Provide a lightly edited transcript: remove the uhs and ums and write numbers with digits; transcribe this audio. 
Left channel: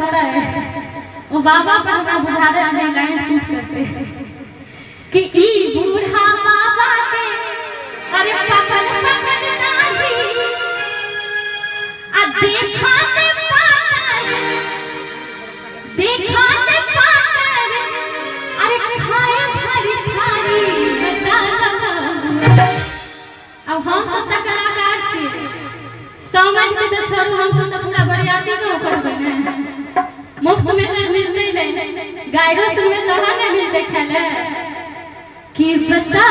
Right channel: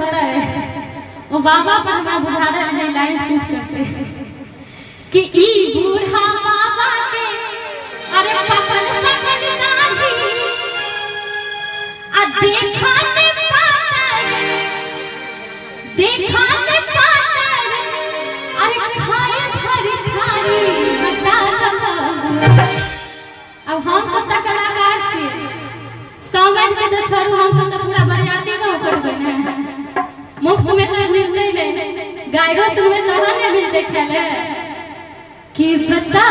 पता है वो बाबा पर हमें बुझा रहे हैं लाइन शूट करते कि ई बूढ़ा बाबा के अरे पकल पकल नाही आ देखाने पाकर अरे खाए भरी खारी बता अब हम सब तक कलाकार छी समझ के तो छोड़ू हम सब तो पूरा बरियाती का करबे ना मुफ्त में तो मिलते नहीं गाइडो सुनने तो नहीं मिलते खेले कि बता